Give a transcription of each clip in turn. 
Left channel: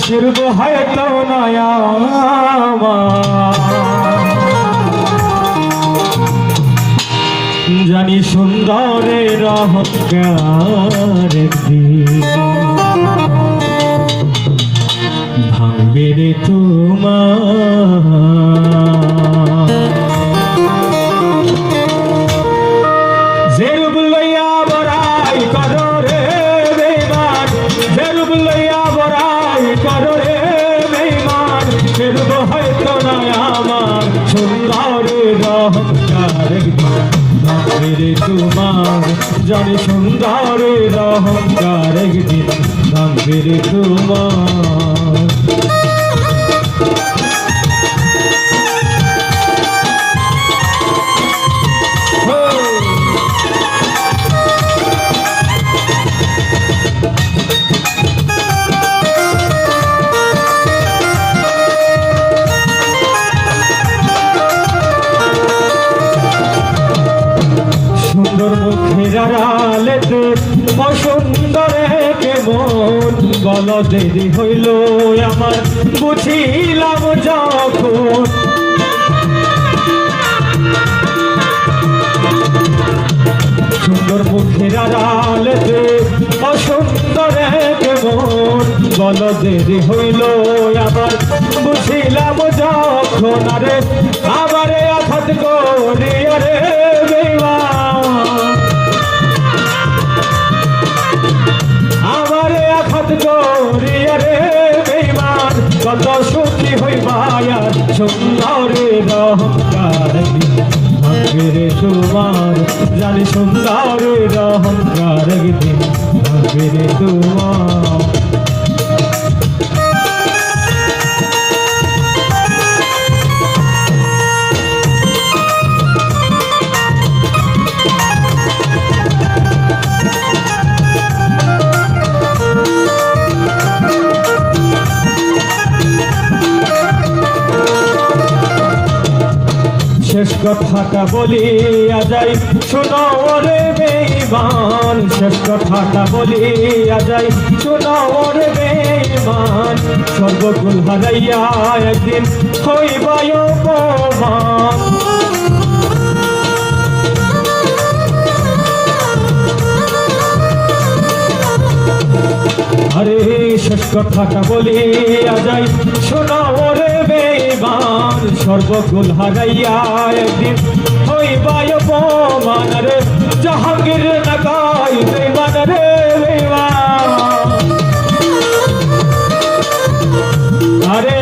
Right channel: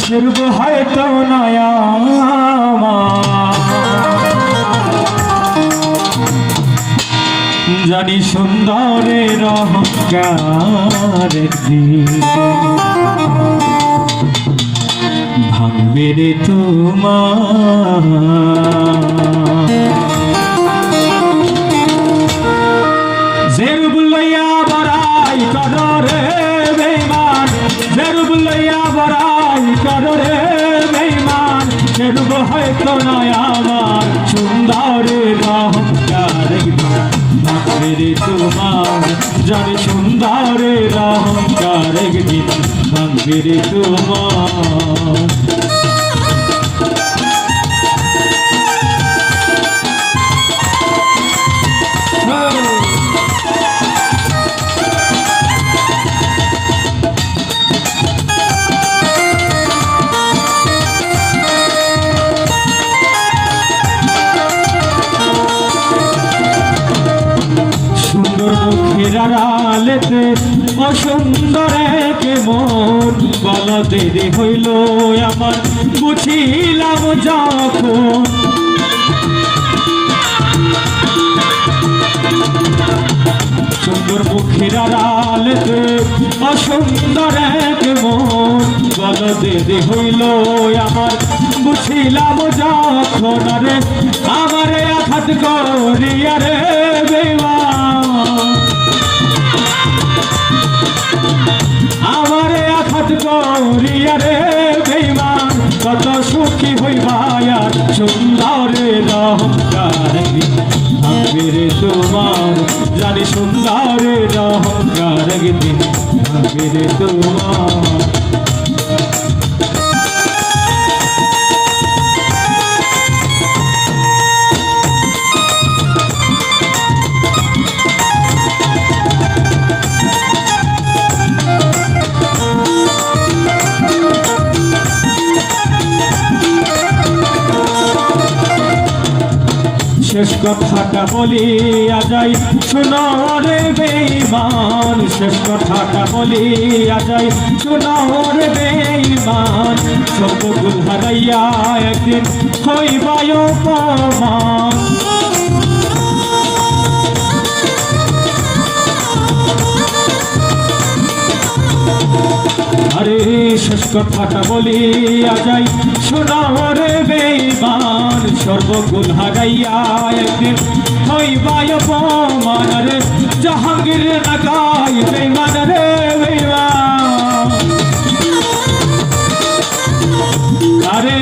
শুরু হয়তো নয়া জানি সুন্দরের অহংকারের দিন ভাঙবে রে তোমার যেরূপ লইয়া বড়াই করো রে বেঈমান যেরূপ লইয়া বড়াই করো রে বেঈমান সেরূপ হয়তো নয় আমার সুন্দরের অহংকারের দিন ভাঙবে রে তোমার জানি সুন্দরের অহংকারের দিন ভাঙবে রে তোমার সুন্দর মুখের আড়ালেতে অসুন্দরে কেমন বলা দেরি হইল আমার বুঝিলাম যখন সুন্দর মুখের আড়ালেতে অসুন্দরে কেমন বলা দেরি হইল আমার বুঝিলাম যখন আরে আমারে আঘাত করিয়া রে আমারে আঘাত করিয়া রে বেঈমান কত সুখী হইবা আর সুন্দরের অহংকার ভাঙবে রে তোমার জানি সুন্দরের অহংকার দিন ভাঙবে রে তোমার শেষ কথাটা বলিয়া যাই শোনো রে বেঈমান শেষ কথাটা বলিয়া যাই শোনো রে বেঈমান সর্বগুণ হারাইয়া একদিন হইবায় অপমান আরে শেষ কথাটা বলিয়া যাই শোনো রে বেঈমান সর্বগুণ হারাইয়া একদিন হইবায় অপমান রে জাহাঙ্গীর নাগাই বেঈমান রে বেঈমান আরে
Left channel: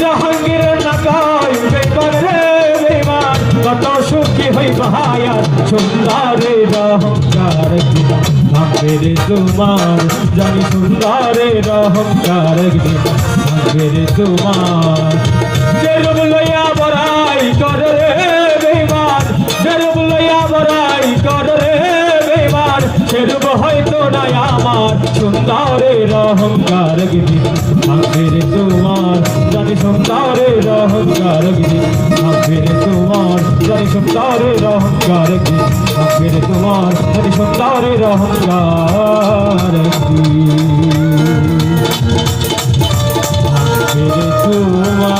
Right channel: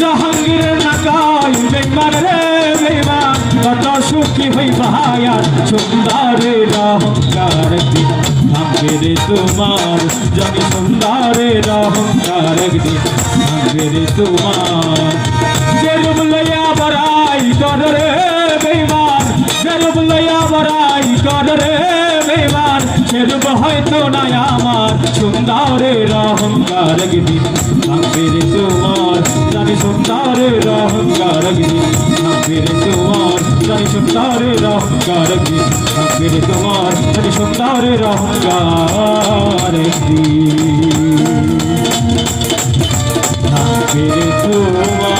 জাহাঙ্গীর নাগাই বেঈমান রে বেঈমান কত সুখী হইবা আর সুন্দরের অহংকার দিন ভাঙবে রে তোমার জানি সুন্দরের অহংকার দিন ভাঙবে রে তোমার যেরূপ লইয়া বড়াই কর রে বেঈমান যেরূপ লইয়া বড়াই কর রে বেঈমান সেরূপ হয়তো নাই আমার সুন্দরের অহংকার দিন ভাঙবে রে তোমার জানি সুন্দরের অহংকার দিন ভাঙবে রে তোমার জানি সুন্দরের অহংকার দিন ভাঙবে রে তোমার জানি সুন্দরের অহংকার দিন ভাঙবে রে তোমার